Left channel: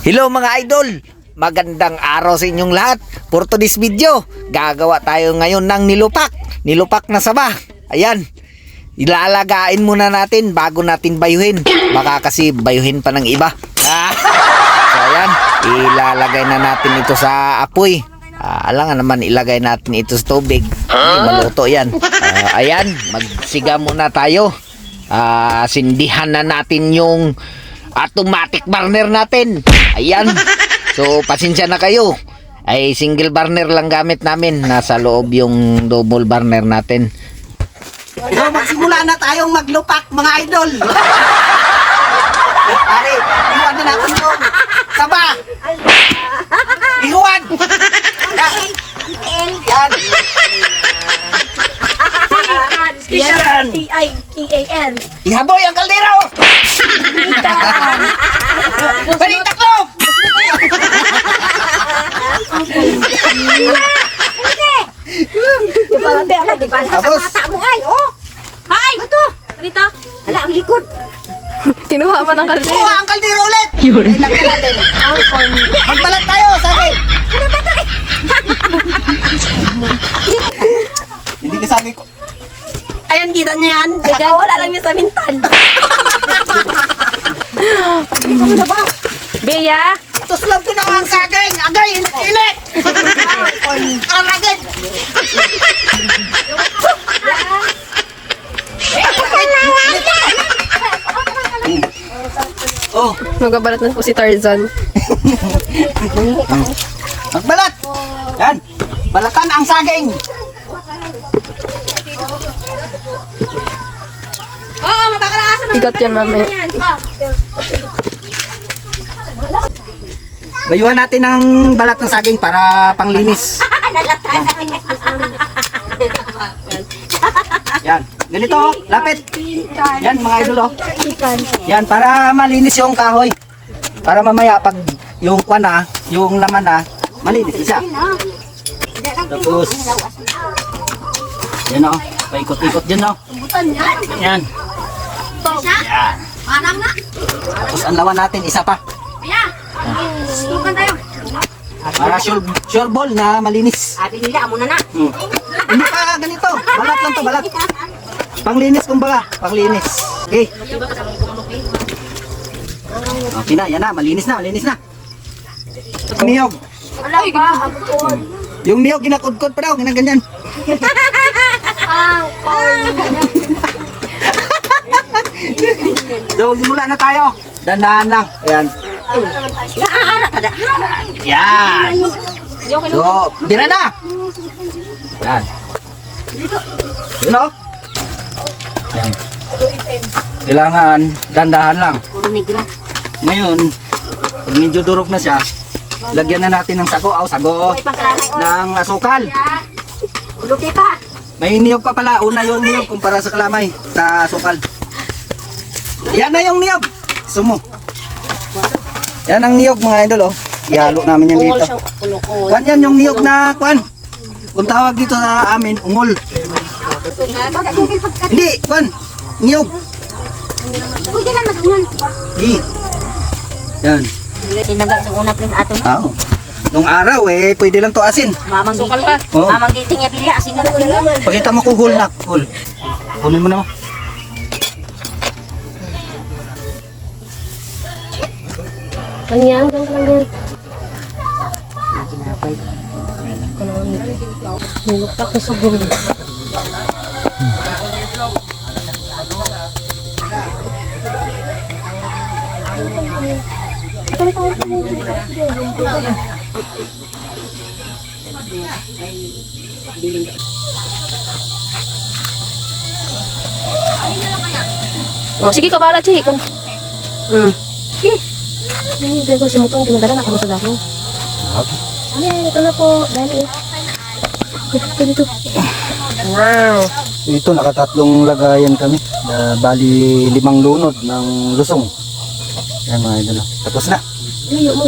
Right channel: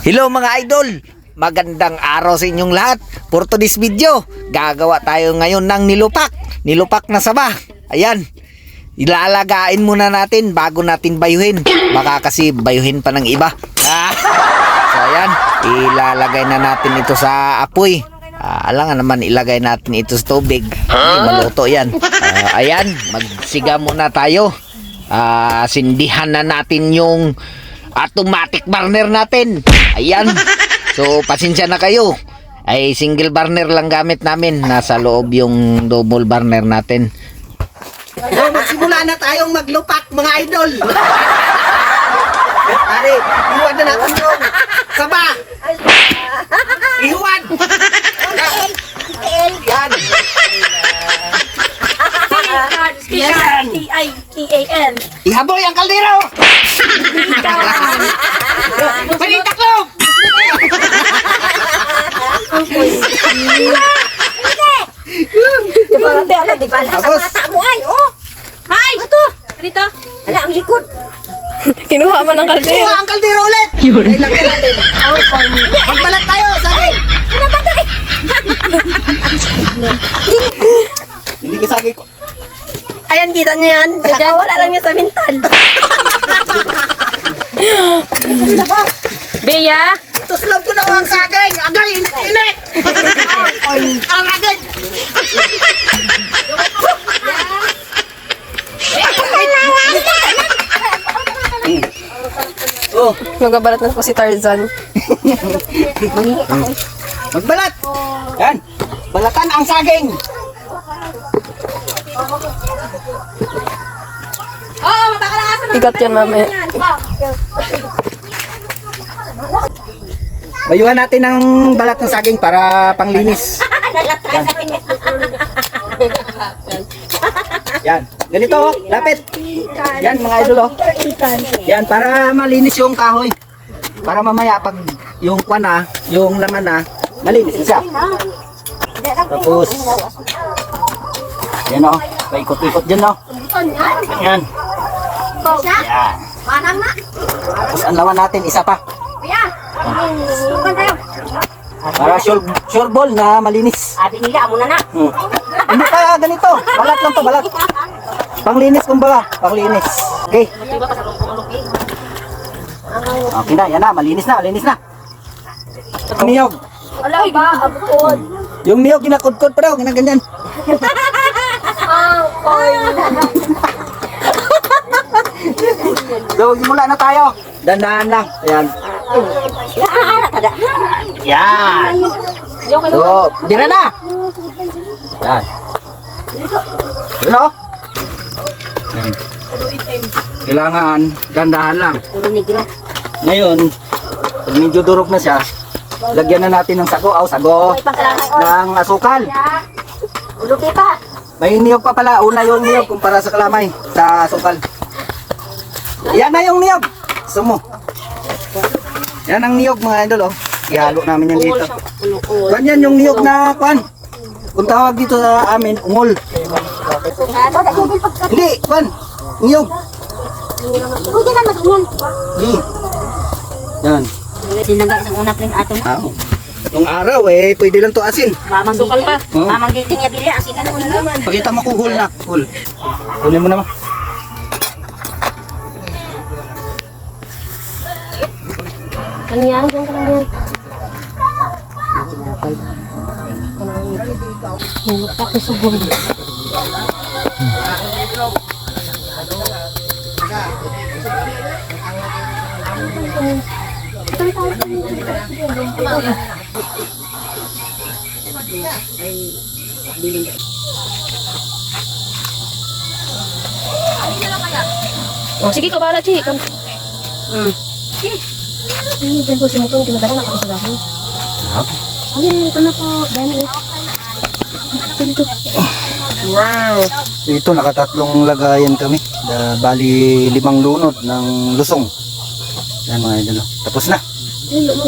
Hello mga idol! Magandang araw sa inyong lahat. For today's video, gagawa tayo ngayon ng nilupak. Nilupak na saba. Ayan. Ilalagain muna natin bago natin bayuhin. Baka kasi bayuhin pa ng iba. So ayan, ilalagay na natin ito sa apoy. Alangan naman ilagay natin ito sa tubig. Maluto yan. Ayan, magsiga muna tayo. Sindihan na natin yung automatic burner natin. Ayan. So pasensya na kayo. Ay single burner lang gamit namin. Nasa loob yung double burner natin. So magsimula na tayong maglupak mga idol. Pare, iwan na natin yung saba. Iwan. Yan. Yan. T-I-T-A-N. Ihaboy ang kaldero. Salita ko. Tapos, Hay! Ito! Dito! Ala, ang likod! Kinuha mo ng kaldero. kuha ang kaldero ulit. Ilagay natin. Magbalat tayo, sabi. Hindi ko sabi ko. Ayan, kita niyo yan. Wala lang yung sa mintan. Bea, Tuslab ko na ang saging. Agay, init. Ang agay. Oh, magabalat na po si Tarzan. magbalat. Yan. Balatan ang saging. Ikat yan, mami. Bayuhan natin ang balat ng saging para panglinis. Yan. Ganito, oh, lapit. Yan, mga idol, oh. Yan, para malinis yung kahoy. Para mamaya pag yung kwan na, yung laman na, malinis isa. Tapos, yan, oh. Paikot-ikot din, oh. Yan. Yan. Tapos ang laman natin, isa pa. Para sure ball na malinis. Sabi nila, amo na na. Hindi pa ganito. Balat lang to, balat. Panglinis kumbaga, panglinis. Okay. Okay na, yan na, malinis na, malinis na. Niyog. Ala, ba? Abot. Yung niyog, kinakudkod pa daw, ginaganyan. So, simula na tayo. Dandahan lang. Ayan. Yan. So, tira na. Yan. Yun o. Yan. Kailangan dandahan lang. Ngayon, pag medyo durog na siya, lagyan na natin ng sago. Sago ng asukal. Uluki pa. May niyog pa pala. Una yung niyog kumpara sa kalamay. Sa asukal. Yan na yung niyog. Sumo. Yan ang niyog mga idol, oh. Ihalo namin yan dito. Kwan yan yung niyog na kwan. Kung tawag dito sa amin, ungol. Hindi, kwan. Niyog. Pwede lang mag-unol. Di. Yan. Sinaga sa una pring ato. Oo. Nung araw pwede lang to asin. Mamang sukal pa. Oh. Mamang giting ya bilya asin na ko naman. Pakita mo ko hul na. Hul. Hulin mo naman. Kanyang, kanyang. Nilupak na sa bulo. Oh, sige ka bala, Chi. Hindi ko si Mutong pinadala na kami sa dahon. Hindi ko na po. Dahil ganito. Wow. Ito nakatatlong lagayan kami. Bali 5 lunod ng lusong. Yan mga idol. Tapos na. Layo mo.